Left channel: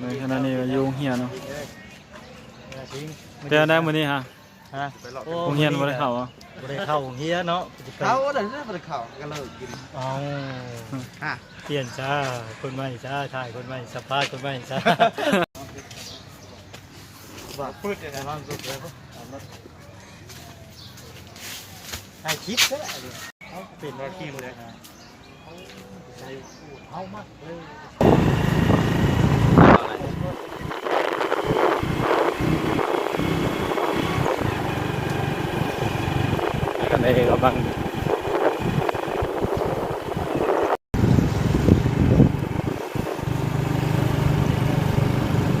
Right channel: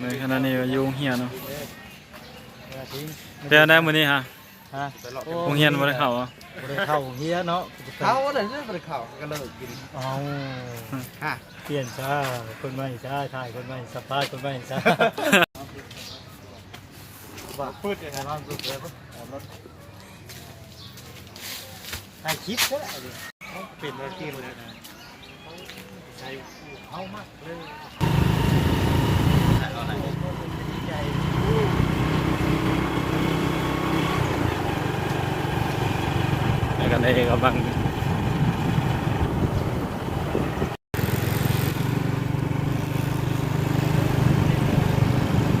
ในขณะนี้ก็อยู่โรงเรียนเนาะเออทิ้งแต่ได้มื้อนี้ฮะฮะโรงเรียนบ่ได้เข้าอะบ่ได้เข้าโรงเรียนเนาะจะไปเขาอะไรเรื่องข่าวกันเลยกินเอาฮะเปลี่ยนช้าคนใหม่ช้าถ่ายคนใหม่สัมภาษณ์คนใหม่ช้าว่าพูดในบ้านก็เลยว่าเอารถถ่ายคลิปก็ได้ดิเอาเปลี่ยนหน้าที่เลยนะเอาใจเอามากเลย แล้วกันได้กำลัง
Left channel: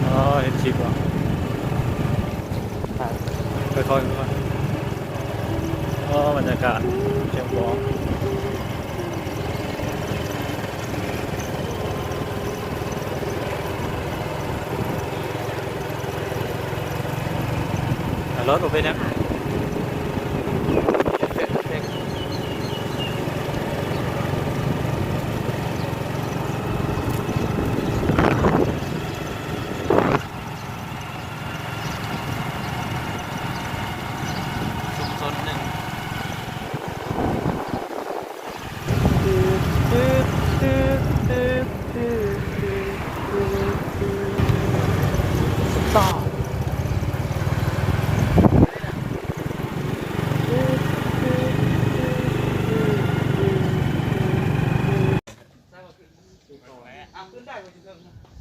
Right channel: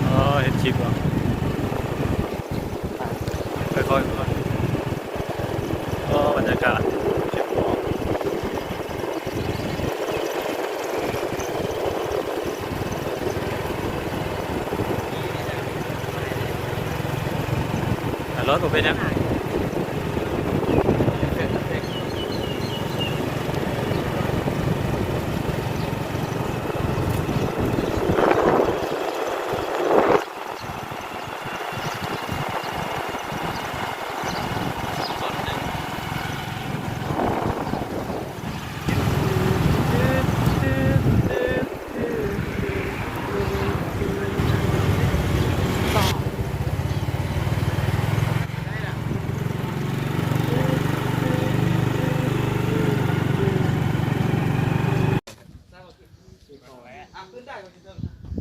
อ๋อเห็นคลิปเหรอค่อยๆค่อยๆอ๋อบรรยากาศเก็บของ แต่รถผมเป็นยัง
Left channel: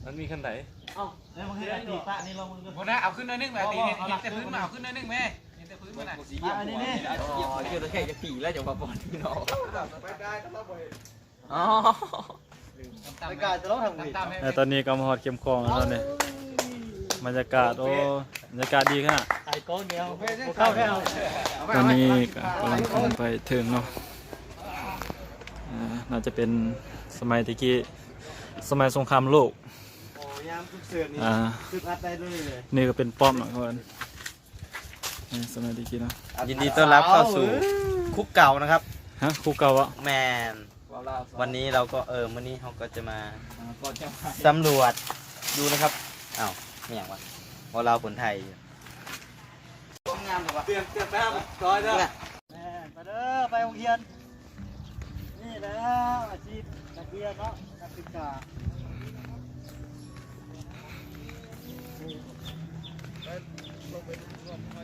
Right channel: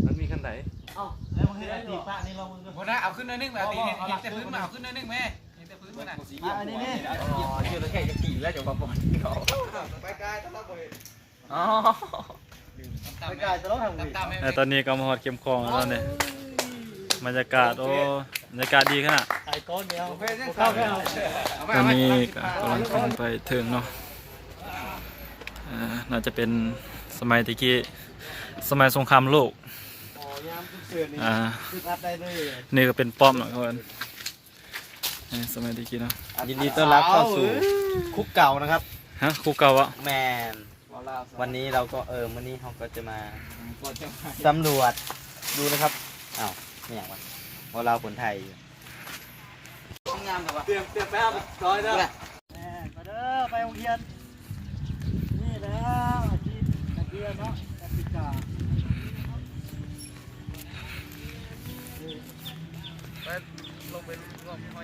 มันมีขั้นไหน แล้วมึง ให้อาตีปะนี่ลองมึงดูโบนะเอาขึ้นหน่อยนึงแบบนี้เห็นแต่พื้นมาเอาขึ้นหน่อยนึงแม่เห็นแต่พื้นมาน่ะอะอันนี้นี่เยอะเลยแค่จะกี่แล้วจะมาปอนเนาะอ๋อไปกายจะร้องทางมือแต่ตอนนี้ก็มาฮอดเข็มคลองแล้วตอนนี้บรรยากาศโอ้บรรยากาศดีขนาดไอ้ก้อนเดียวเข้าแค่เอาตอนนี้ก็กำลังขึ้นไปถึงเนาะอ่าน่าจะเป็นสมัยตะกี้สมัยสงครามโลก อนี่อ่าคืออัดได้เลยนี่ก็เป็นป้อมเนาะคนนี่สมัยตะกี้เนาะยินดีต้อนรับเข้าสู่คุกเก่านะครับฮะครูเก่าอะแมนวันนี้เราก็เออวันนี้เขาก็จะมาสำรวจดูนะครับอ้าวนี่อย่างวะพอเราคนไทยอยู่เตรียมเตรียมไปเอาร้อยแล้วแม่ไปเด้อไปโรงเรียนนี่แล้วอาชีพนักเรียนเนาะนักศึกษา เ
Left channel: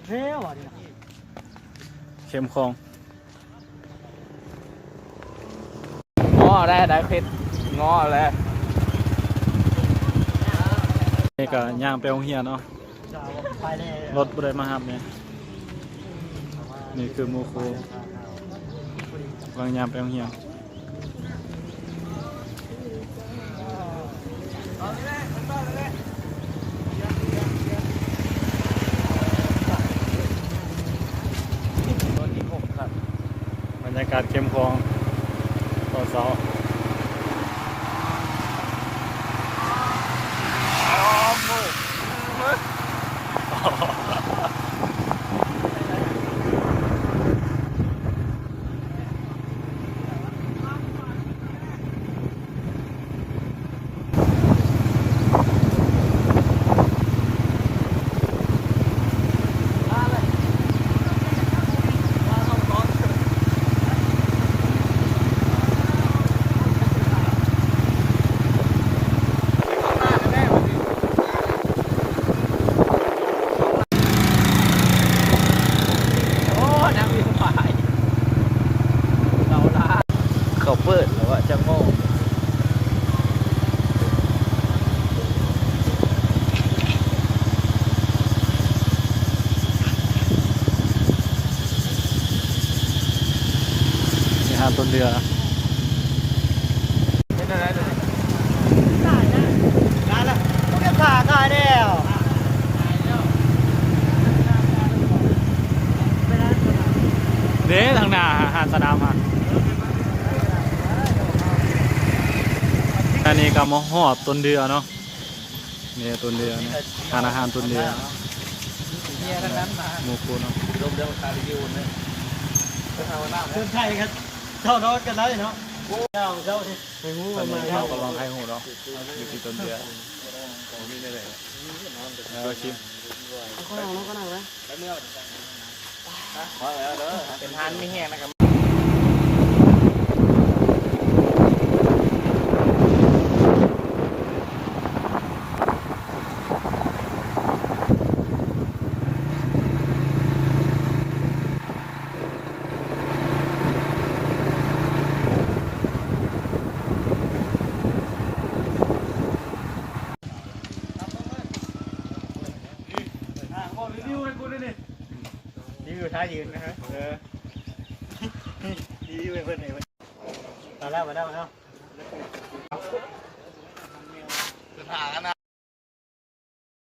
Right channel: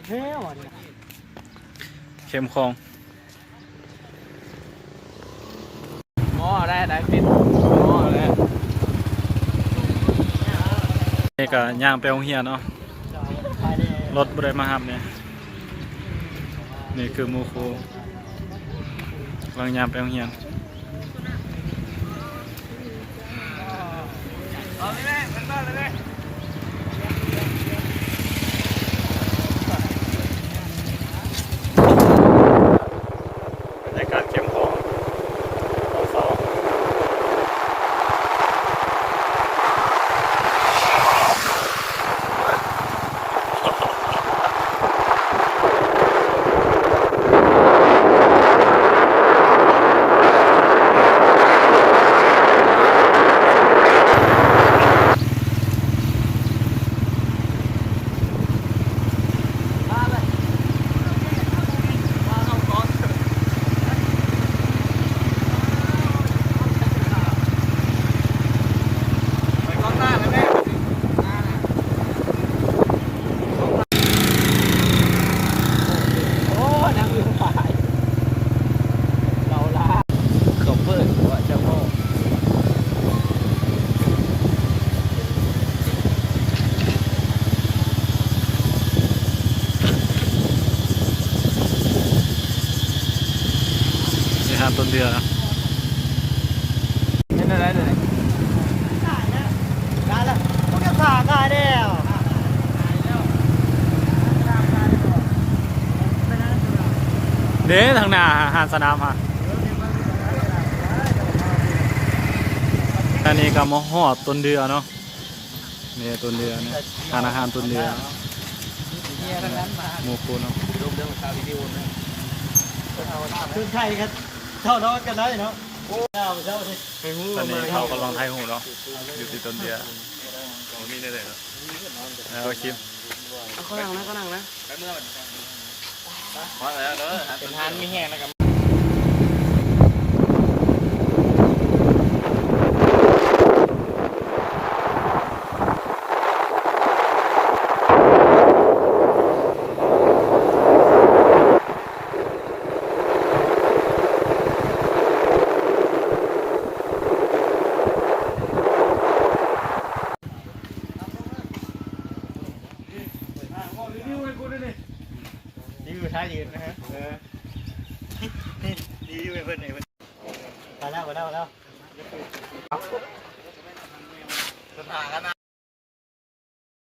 ฮ้ยว่ะเนี่ยเข้มคลองอ๋อได้ได้เพชรอ๋อแล้วนี่ก็ย่างไปโรงเรียนเนาะไปเลยรถบ่ได้มารับเนี่ยนี่คือหมูครูกำลังย่างไปโรงเรียน เอาเลยแม่เป็นบ้านเลยแม่ บรรยากาศเข้มคลองเอาเสาเขาเปิดว่าจะโม่นี่ฮะต้นเดือ ตายนะตายแล้วพวกแกผ่าตายแล้วเด้ทางหน้าหานสนามฮะอันนี้ก็มาหอดต้นเดือเนาะนี่ต้นเดือเนี่ยทานอาหารต้นเดือเมียทั้งนั้นหมูคูเนาะคือใครครับ เท่านอนกันได้เนาะเจ้าเจ้าที่ไปหูตอนนี้มาเขากำลังไทยหูเนาะอยู่ที่ต้นเดือเขามีได้เลยแล้วเอาคิมเอาเขานั่งนะเขานั่งนะพอแล้วเด้อเป็นทานไม่แห้งนะครับ รีวิวให้กูด้วยนี่ นี่คือท่า ยืนนะฮะเออนี่รีวิวให้เพื่อนหน่อยเพื่อนมาแล้วมาแล้วมาแล้วสถานะ